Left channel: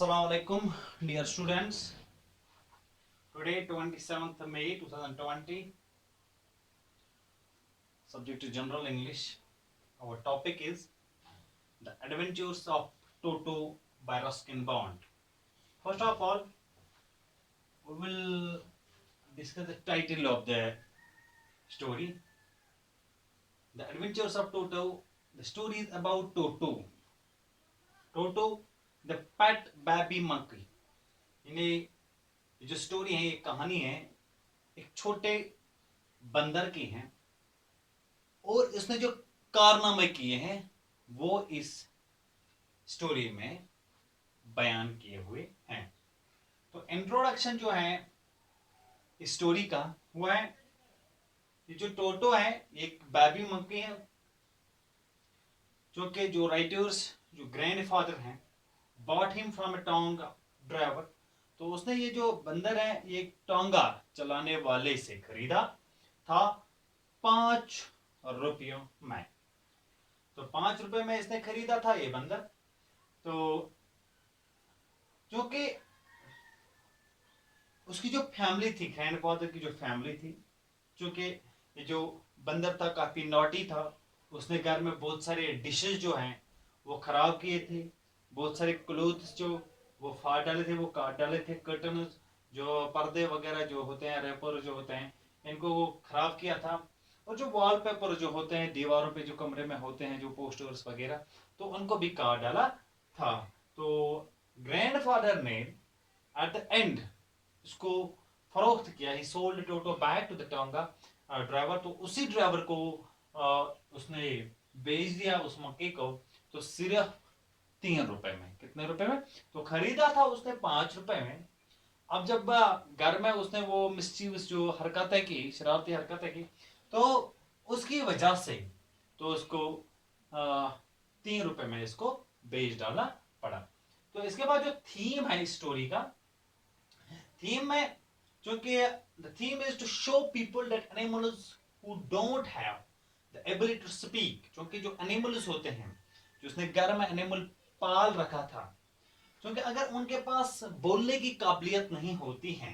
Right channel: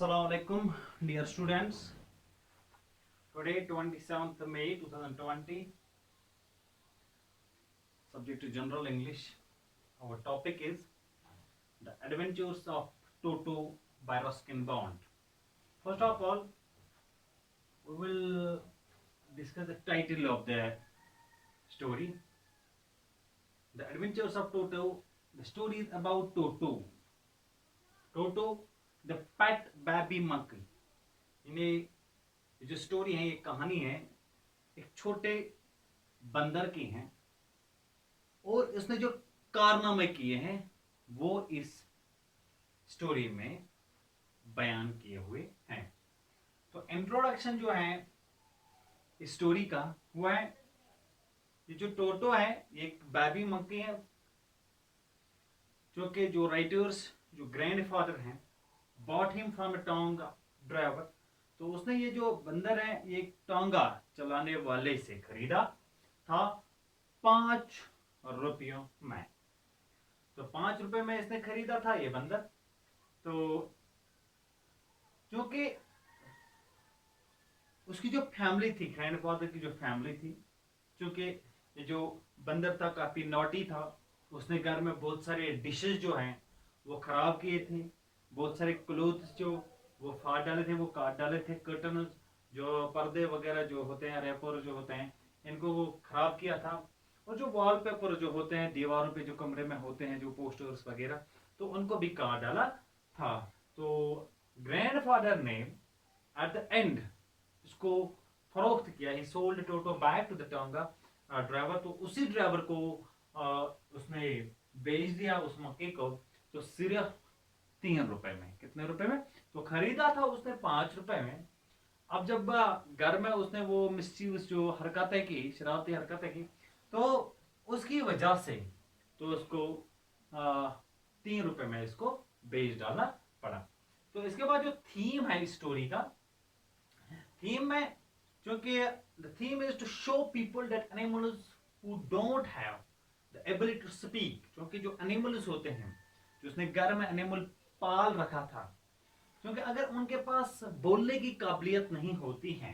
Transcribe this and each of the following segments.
Assalamu alaikum, dear students. Today, 27th May 2020, subject to General English. Our topic is The Adventures of Toto by Ruskin Bond. First of all, we will discuss the title of the story. The Adventures of Toto. The story is about Toto. Toto, the pet baby monkey. इन्हें जो story है, ये कहानी है एक छोटे बंदर की है और इसने जो कारनामे किए हैं वो इस स्टोरी में बयान किए हुए हैं। तो इंट्रोडक्शन जो है इस स्टोरी का हुआ है, ये जो टोटो है ये एक बेबी मंकी है जो कि जो राइटर्स जो ग्रैंडफादर हैं bought him from a tonga driver. तो उसने ये जो बंदर है ये टोंगा चलाने वाले से खरीदा था 5 रुपयों में। तो 5 रुपए में इसने खरीदा था ये बंदर। तो जो कि उसकी जो फैमिली थी, ग्रैंडफादर की जो फैमिली थी, क्योंकि ये जो बंदर था काफी नॉटी था, उसने घर में बहुत सारे डिशेस जो हैं वो खराब किए थे, बहुत सारे क्लोथ्स जो वो फाड़ डाले थे, वो काट डाले थे, कर्टन जो पर्दे वगैरह जो होते हैं, रेपर जो होते हैं, इनको वो खराब किया था। और जो वॉलपेपर जो होते हैं दीवारों पे जो कमरे में होते हैं, जो पोस्टर्स वगैरह, तो उनको भी काट डाला था। तो ग्रैंडफादर ने एट द एंड इसको फरोख्त किया, ही सोल्ड टोटो back to the tonga driver. तो उसी ड्राइवर को उसने बेच दिया उस मक्के को, तो सिर्फ 3 रुपए में। कितने रुपए में? तो खरीदा था उसने 5 रुपए में। अब जब घर में उसने वो मिस्चीवियस जो हरकतें की, शरारती हरकतें की, तो उसकी वजह से तो उसको 3 रुपए में इसको बेच डाला पड़ा। तो इसके बाद जो थीम है इस स्टोरी का, थीम में जो कि the theme is to show people that animals who don't have the ability to speak, क्योंकि जो एनिमल्स होते हैं, जो उसने घर में एनिमल पाल रखा था, क्योंकि अगर उनके पास बोलने की काबिलियत नहीं होती है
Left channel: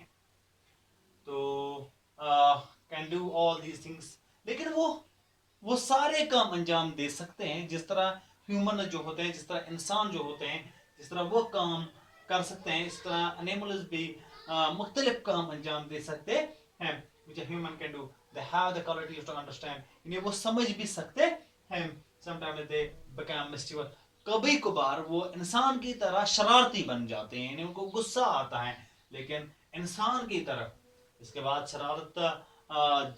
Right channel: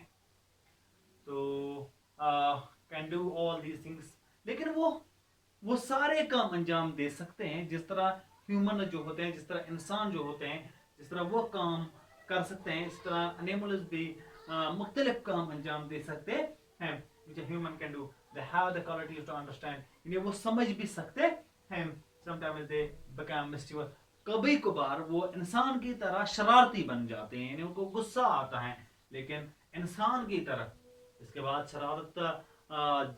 तो can do all these things, लेकिन वो सारे काम अंजाम दे सकते हैं जिस तरह ह्यूमन जो होते हैं, जिस तरह इंसान जो होते हैं, जिस तरह वो काम कर सकते हैं, इस तरह एनिमल्स भी मुख्तलिफ काम अंजाम दे सकते हैं which a human can do. They have the qualities to understand. इन्हें वो समझ भी सकते हैं। Sometimes they become mischievous. कभी कभार वो इंसान की तरह शरारती बन जाते हैं, इन्हें उनको गुस्सा आता है, लेकिन इंसान की तरफ। इसके बाद शरारत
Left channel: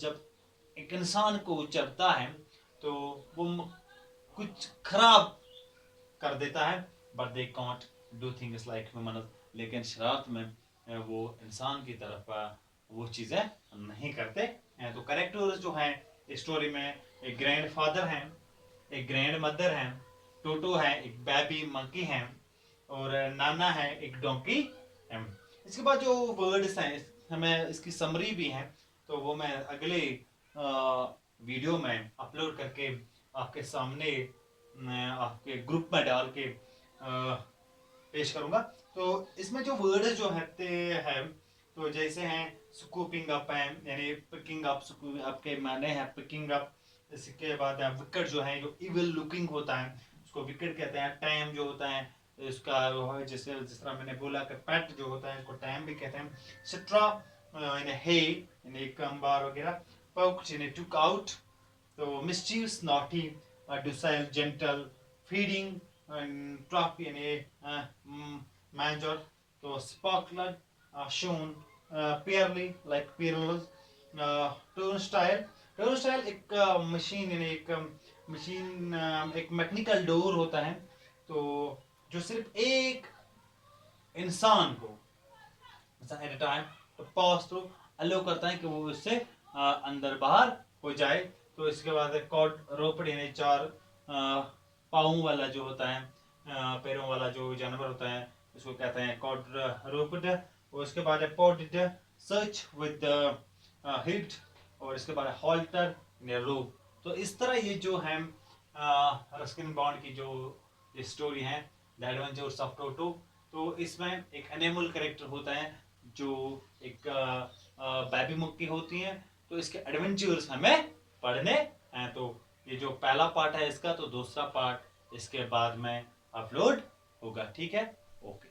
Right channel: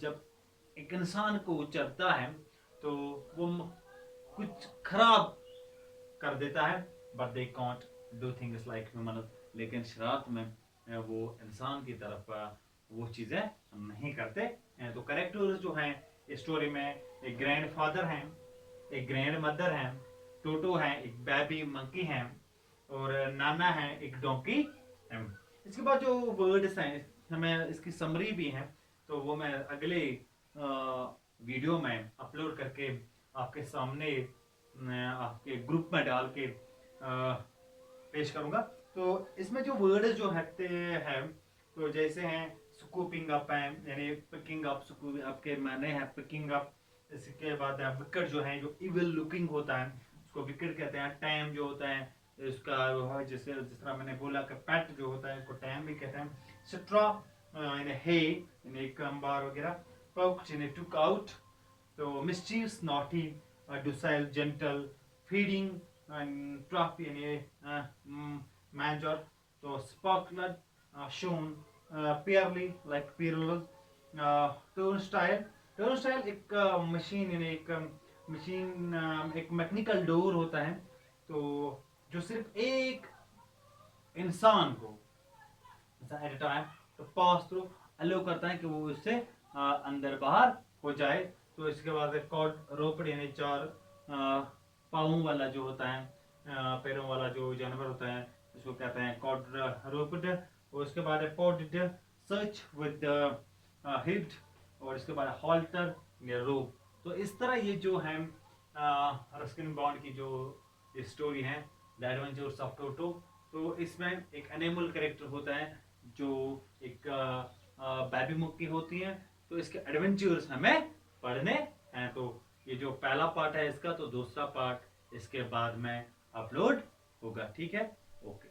जब एक इंसान को चढ़ता है तो वो कुछ खराब कर देता है, but they can't do things like human. लेकिन शरारत में वो इंसान की तरफ वो चीजें नहीं करते हैं। तो कैरेक्टर्स जो हैं इस स्टोरी में, एक ग्रैंडफादर हैं, एक ग्रैंड मदर हैं, टोटो है, एक बेबी मंकी है, और नाना है, एक डोंकी है। इसके बाद जो वर्ड्स हैं हमें इसकी समरी भी है, तो वो मैं अगले वीडियो में अपलोड करके आपके सामने आपके ग्रुप में डाल के पेश करूंगा। तो इसमें जो वर्ड्स जो हैं तो जैसे हैं स्कूपिंग अप है, यानी पिकिंग अप, स्कूप अप के माने हैं पिकिंग अप। इसके बाद विकेट जो है, जो इविल लुकिंग होता है उसको विकेट कहते हैं। टाइम जो होता है इसका जैसे जिस तरह मैंने बोला कि पैट जो होता है इसको टाइम भी कहते हैं। सिट्रा यानी हे यानी एक अंबार वगैरह, पोक्ड यानी टुक आउट, तो mischievous naughty, docile gentle, feeding and trough यानी मैजर, तो sparkler shone, peerly like peerless, turnstile एक मशीन यानी एक मशीन एक मैकेनिकल डोर होता है, तो जो सिर्फ एक इंसान को एट अ टाइम तो पास थ्रू अलो करता है कि वो उससे अंदर बाहर हो जाए। तो इसके बाद कॉर्ड रोपड़ यानी 4 पाँव वाला जो होता है, पैरों वाला जो जानवर होता है इसको कहते हैं कॉर्ड रोपड़। और इसके बाद पॉडेड सर्च विद हिट, और इसके बाद हॉल्टर या रोप। तो इस तरह ये जो है रस्किन बॉन्ड की जो ये स्टोरी है द एडवेंचर्स ऑफ टोटो, तो इसमें एक एनिमल कैरेक्टर होता है जो एक बेबी मुक्की होती है, तो इसके एडवेंचर्स हमें पढ़ने हैं। तो ये जो पहला पार्ट है इसका, तो दूसरा पार्ट इसके बाद में अपलोड होगा, ठीक है। ओके।